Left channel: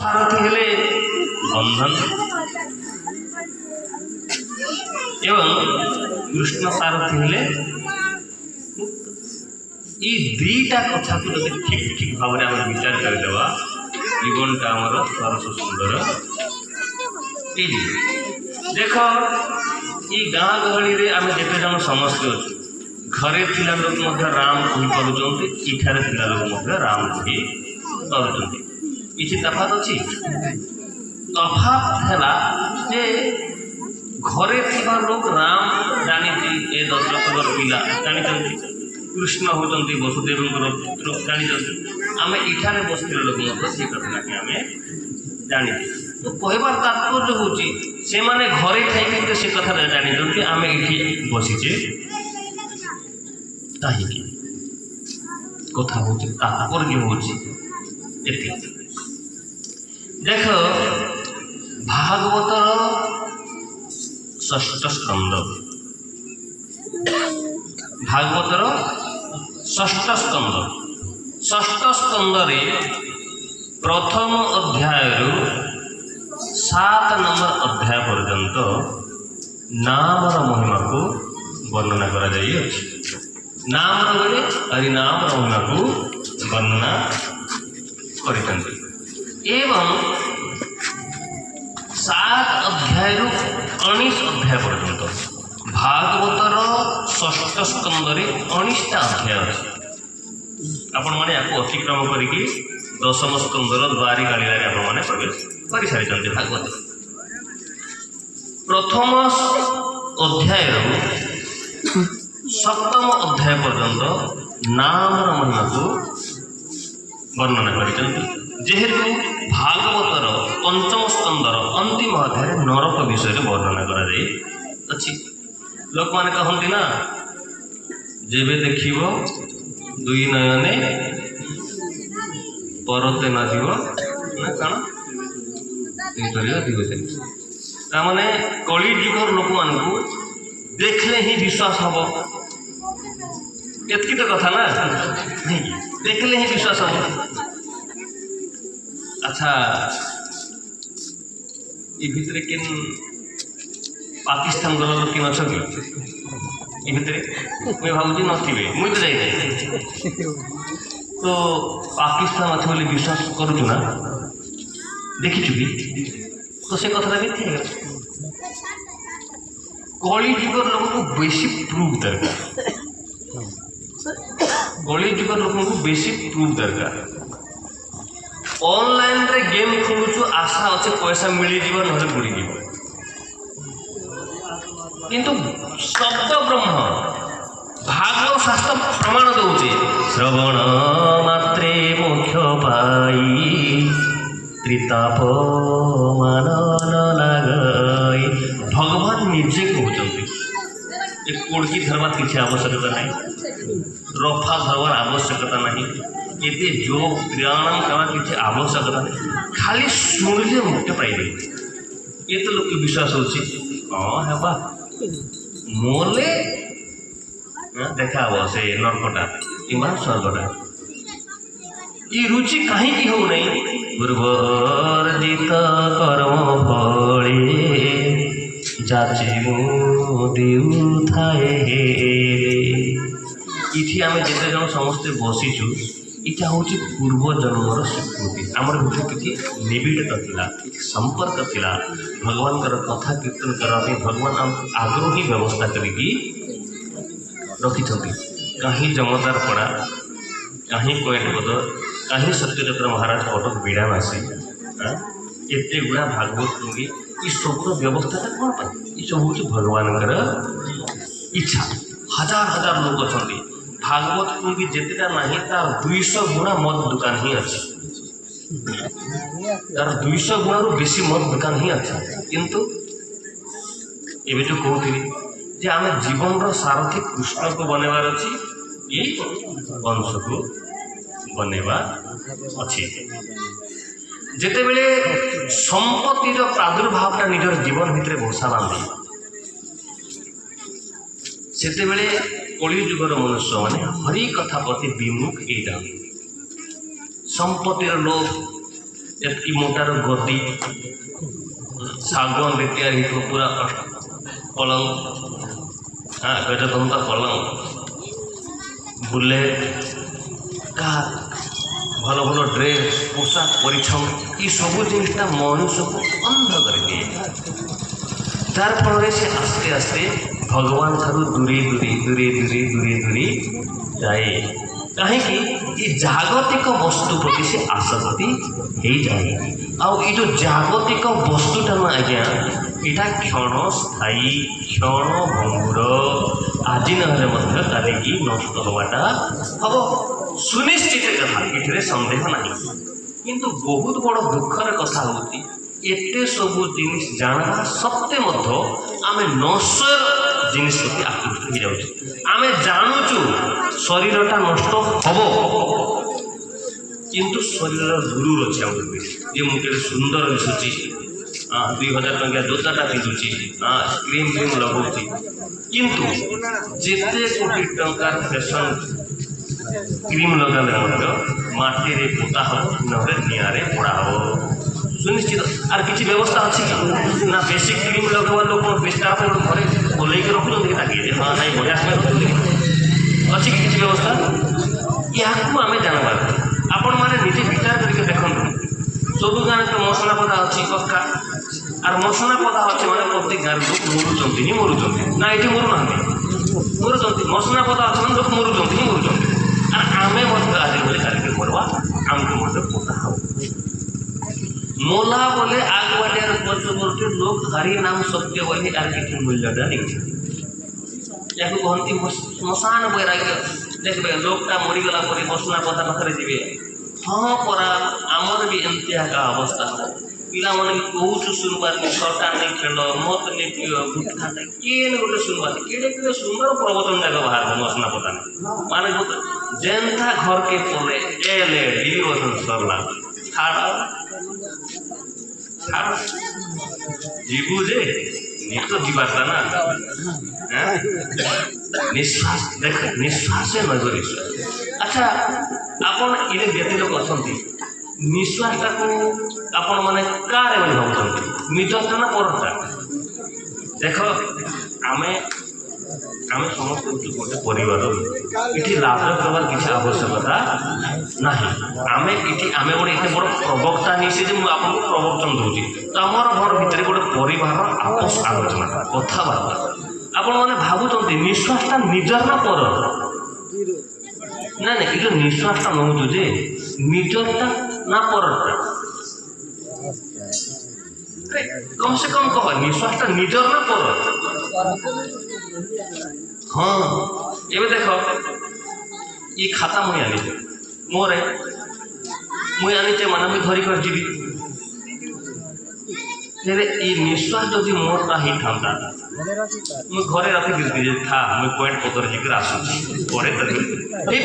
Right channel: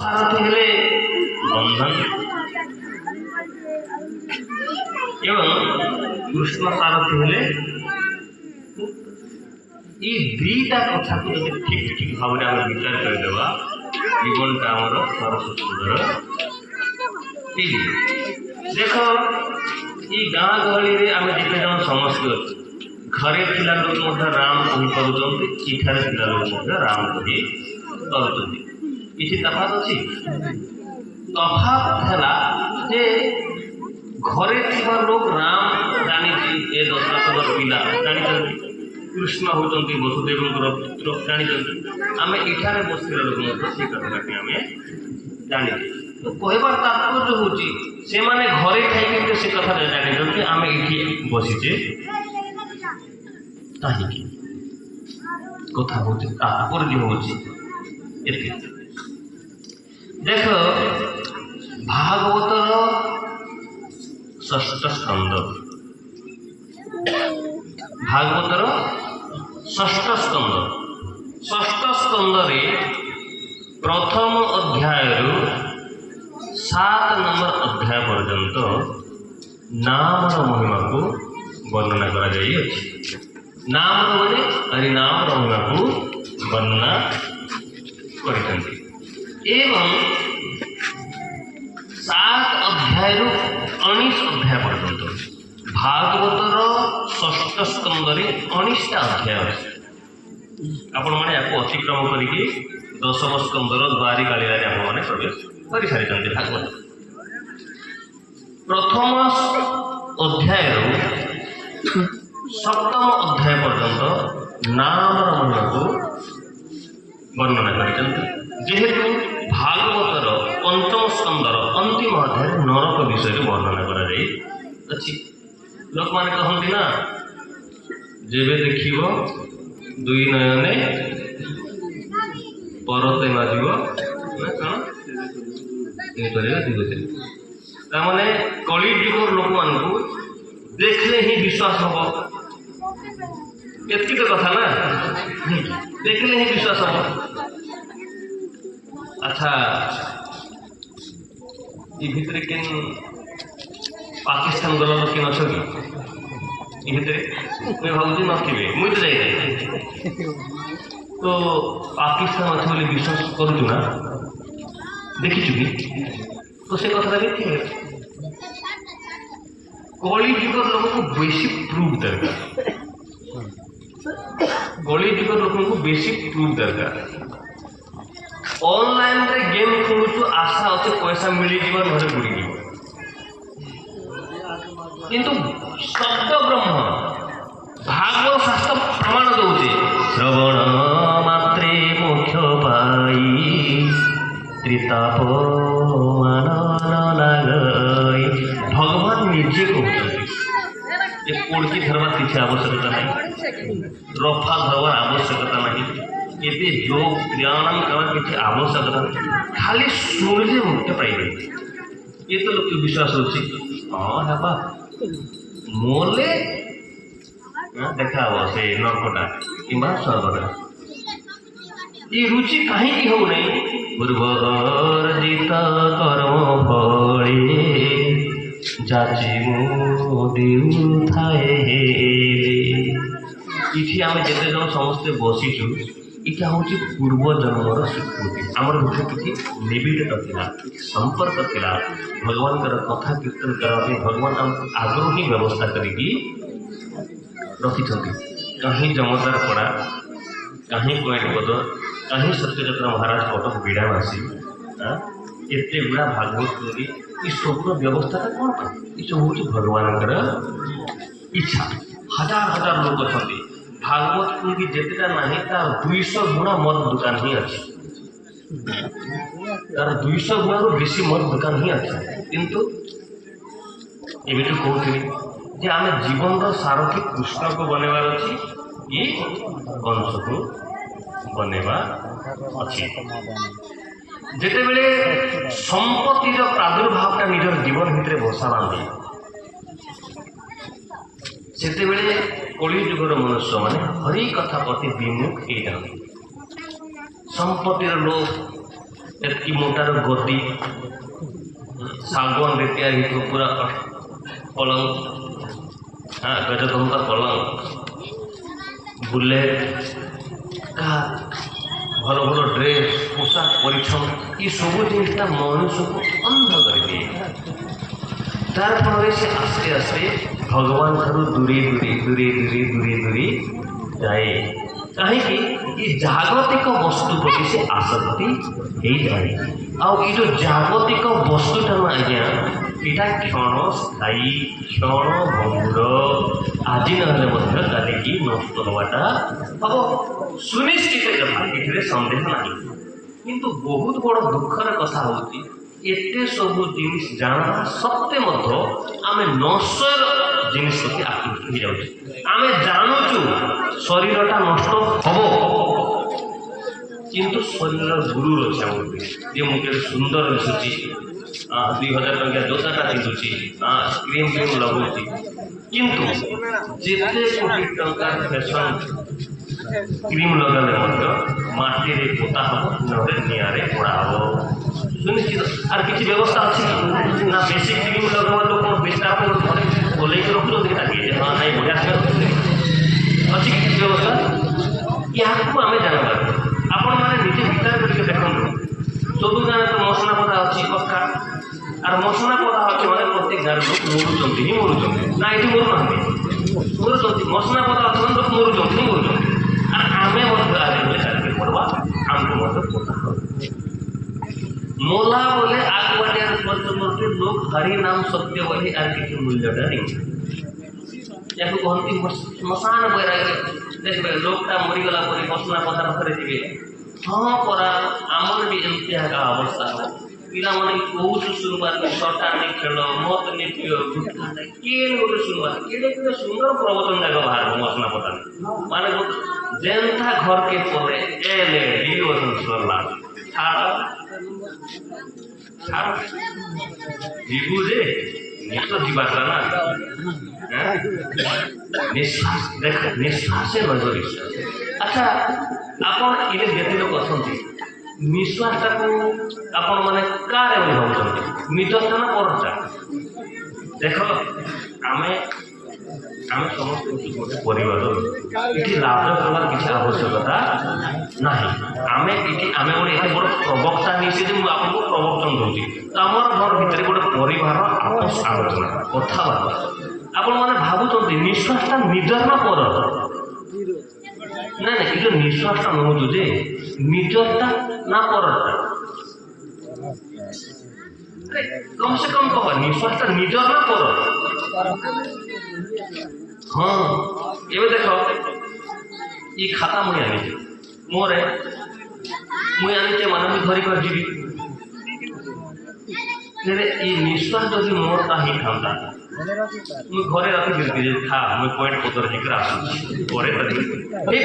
सारथी हेले बंधन एवं कृष्ण सारथी हेले ये दुईटा कथा को जब ठीक ठीक भाव में आम विचार करदेवा जीवनटा आमर सरस सुंदर देख ये गाँ गहली आम जिते जन समस्त घरे थिला लोक राम कही इठारे थिला लोक राम कही किसी तफात अच्छी तफात है जे घरे थिबा लोक राम जानी ए दशरथ पिला जानी कृष्ण होती वसुदेव पुत्र जानी आम इठारे बसते लोक से कथा आम जानी तो कहबार तात्पर्य हूँ से माने घरे थी से कथा जानी आम ये बसीचे कहीं कथा हूँ तात्पर्य हूँ देख भागवतर षष्ठ स्कंद भागवतर षष्ठ स्कंद रे प्रथम अध्याय 7 नंबर अध्याय पर्यंत नामर महिमा को वर्णना करा जाई अछि। नामर बोले हरिनामर महिमा को वर्णना करितंती एवं 7 अध्याय 19 अध्याय पर्यंत भागवतर षष्ठ स्कंद रे 19टा अध्याय अछि। आपण माने याको अतिक्रम करिकी दशम स्कंदर द्वारी कालियारे आपण माने प्रवेश कर सारी भागवत प्रथम अध्याय 7म अध्याय पर्यंत नामर महिमा को वर्णना कर जेहेतु भागवतर पंचम स्कंदर अंतिम अध्याय नरक विषय वर्णना कर लोक मैंने कहते ना जेबे देखिब दुई नयने परते नाजिब ना कण ताने कली जुगर लोक मान देखले ही विश्वास हम एतकी तो कथा ना देखले ही विश्वास हम। अच्छा ये भितर किन पाकिस्तान गल किन अच्छे ये भितर मुझे भावी नथिबे मुझे तो जाए तो पाकिस्तान अच्छे बोली विश्वास करूँ ना देखी भी तो से कथा भी थी कली जुगर लोक को बेसी प्रूफ दरकार कली जुगर लोक को बेसी प्रूफ दरकार ऑनलाइन रे गेम खेलुछु आशा अच्छे पैसा मिली जीव ना बुड़ी जीव किंतु शब्द ब्रह्म भागवत शास्त्र प्रमाण दौचे श्रवण मात्रे मोक्ष पाई त्रिताप मान लगई भगवान निजे कहते कोड़की धरवार किसी आवश्यकता नहीं रफा धरवार आवश्यकता नहीं एते योग प्राणायाम करवार किसी आवश्यकता नहीं खाली शुणिले मुक्ति पाइबे ये तो लोक विश्वास होची हाँ हेबा मोले देखा से नरकटा कि स्वर्गटा ये रुचि कहीं हो नहीं पूर्वर्जित कर्म फले जाची देउ थाए इठी आम जेते जन समस्ते बसीचु इटा हूँ पूर्व जन्मर स्वीकृति आमर भीतर किसी निबिड़ था संपर्क था भगवान कथा कीर्तन करने भगवान आम आगु ही व्यवस्था करी रखी कहीं जमदार पड़ा कहीं कोएट बदर कहीं सत्यचंद्र महाराज कटक बिड़ामासी एत गुड़ा भागवत लगी ये सब व्यवस्था कौन पर ये सब हूँ भगवान इच्छा हजार हजार लोग अच्छा भागवत लगी जितेटा ना तार 200 गुणा मद दुकान ही अच्छे तार 200 गुणा बेसी मद दुकान ही अच्छे किंतु ये जो कहते आम जीवन सारथी कृष्ण को बनवार अच्छी ये अंश को बनवा अच्छी जिते बड़े संपत्ति प्रादुर्भावटा निजर जीवन भितर बसा बांधे से कली जुगर मनुष्य मैंने हरि कथा प्रति विमुख ये संपत्तिर लोभ एतकी मोटार गति सागवान तैयारी पूरा पलंग, हाँ गजदंता पलंग, बुलेट, कार, भल भल ड्रेस, पोशाक परिच्छन ये सब जिनटा मनुष्य को अंध करके जार फल से आस्ते आस्ते भगवान ठारू दूरे दूरे दूरे दूरे दूरे दूरे जाए कहीं जागतिक वस्तु प्रति से आसक्ति हो जाए आई जो जागतिक वस्तुटा ना आज्ञा यहाँ क्षण स्थायी क्षण भंगुर आज ना नष्ट हवाटा हम सुनिश्चित कथा ये सन्देह ना किंतु बहुत बड़ दुखर कथा होती एते सब जिनिस जाना सत्वे आम नश्वर जिनिस प्रति आकृष्ट हो जाऊँ आम जानूचु शरीरटा नष्ट हम किंतु शरीर गुरु अच्छे ये मुझे सुंदर दिशुची 2000 टंका जोताटा पिंधुची क्रीम क्रीम लगुची किंतु जिते कोटी टंका फैशन क्रीम लगाले माटी पोता हम निआरे पोड़ा हम सुनिश्चित आर किसी व्यवस्था अच्छी ना बेसी क्रीम लगवा लोग विस्तार घरे बोल रखुच्च हाँ नहीं बढ़िया अच्छी किसी व्यवस्था यहाँ आम जानवर आपण मैंने निजे विचार करके देखो सब गाँव तो मसला पदा अच्छी पक्का आर मसला पदा अच्छे मैंने प्रत्येक गाँव लोक मरुंच ही मरुंच ना ये मरु ना मरुंच मसला पदा अच्छे लोक मरुंच ही मरुंच आर आम आज चाकरी करवा आमको पोता हम मोला बोले आग बाजार पचवर्ती लोक हरि नाम सत्य वही आर किसी मूल्यटा नहीं या कहती श्मशान बैराग्य देखते लोकटा मरीगला मसला पदा पाखे थे हाँ परा आमर भी एमती अवस्था हम पिला मैंने भी कौच शुणवार नहीं सटा नहीं खेल मत नहीं गुटखा किए गोटे शुणवार किए किए सुंदर प्रवचन जाक बाहर मसला पदा माने जेनता घर के पड़े एले वचन सरला जीवु जे तो जीवाता ना निश्वास देख निश्वास नजर अच्छा आपण ये जेते लोग अच्छा निश्वासटा को आपण माने कार भावुं निजता ना परटा देख आमे आम समस्त गोटे परिवार ये लाभ करवार किसी आवश्यकता ना आम ये आम गोटे एत बड़ प्रवक्ता नहीं से आपको प्रवचन दूसरी तो आम घर भितर गोटे परिवार आपस आलोचना कथबार्ता आपण मैंने भावुं निश्वासटा निजर ना पर ना ये जो निश्वासटा नौ जे निजरटा ना परटा कम से कम कह निश्वासटा निजर ना पर हाँ ये देख ये खाता मुझे आनी मोर मुझे आनी माने मुझे धरिक जीवी ये निश्वास जदि मोर का ही था मुझे घरे रखी था मुझे पॉइंट पतर जीकर आस पड़े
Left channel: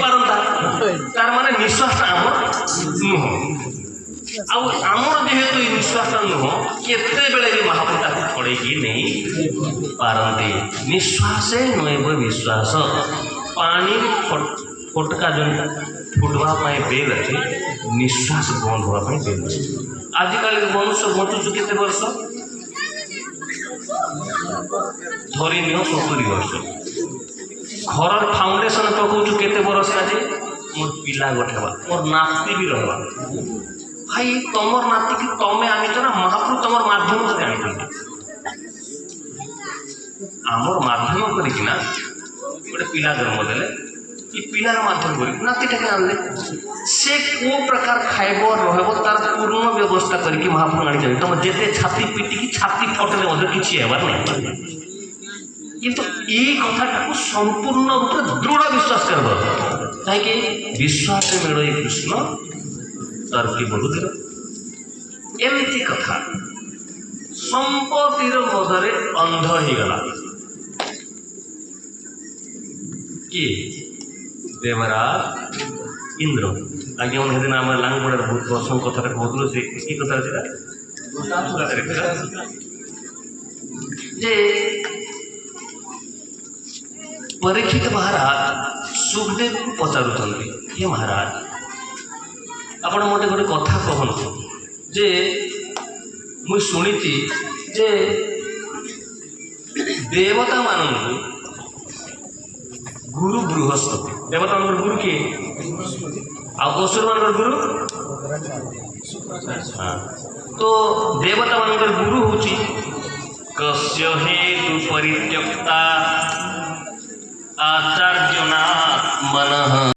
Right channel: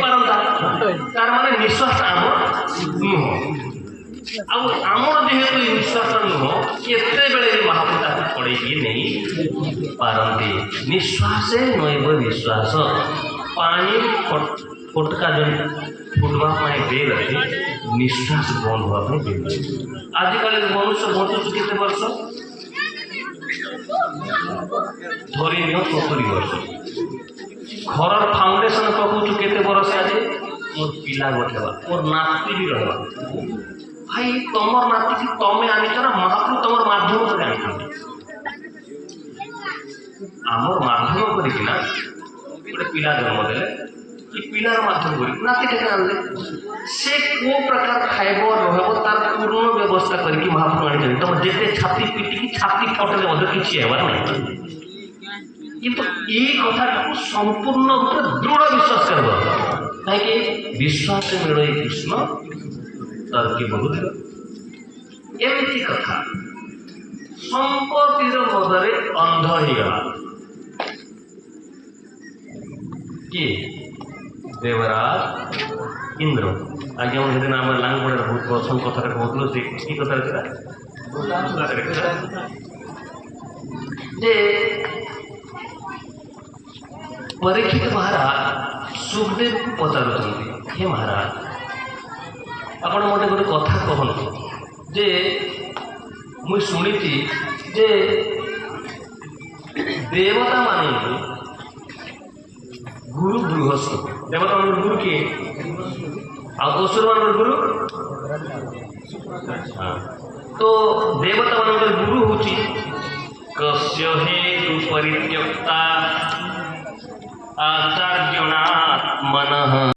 पारता तार माने निश्वास आम नुह आमर जेहेतु निश्वास नुह केते बेले महापुता छड़े नहीं पारती निश्वास नैव विश्वास पानी फटका जो फुटवाई बेल अच्छे निश्वास बंद होगापी बेल आजिकल मनुष्य बचुच के वर्ष धरी नियो 70 वर्ष घर फाउंडेशन पकाऊ केते बरस आज मोर पिला गठेबा मोर नाती भी रहा भाई तुम नाती की तमें आनीच ना महाप्रभु तुम माध्यम कर आनी आमर माध्यम करना गोटे पिला जन्म देले कि पिलार माध्यम कर नाती टे आनले से को प्रकार खाइब रहा तार पूर्ण व्यवस्था करके महाप्रभु आनी तुम जिते छाती पिटिकी छाती फटले किसी हेबार ना किंतु ये कथा संपूर्ण रूप दृढ़ विश्वास कर कहीं विश्वास मेड़ कृष्ण तर्की बोलुथिले एमती कथा संपत्तिर मदरे अंध हो गला किए देवराज इंद्र आगे मुझे आम लांगपड़ा बहुत प्रसंग कथा कहूँ से कथा जे परीक्षित महाराज सुखदेव को पचार हे महाराज आपण मत गोटे कथा कहूँ जे मुई शुणिची जे देवता मानू गुरु बृहस्पति देवता मान गुरु किए असुर मान गुरु अच्छा तो देवता मान गुरु हूँ कस्य हेतु परित्यक्ता आचार्यनाथ मनः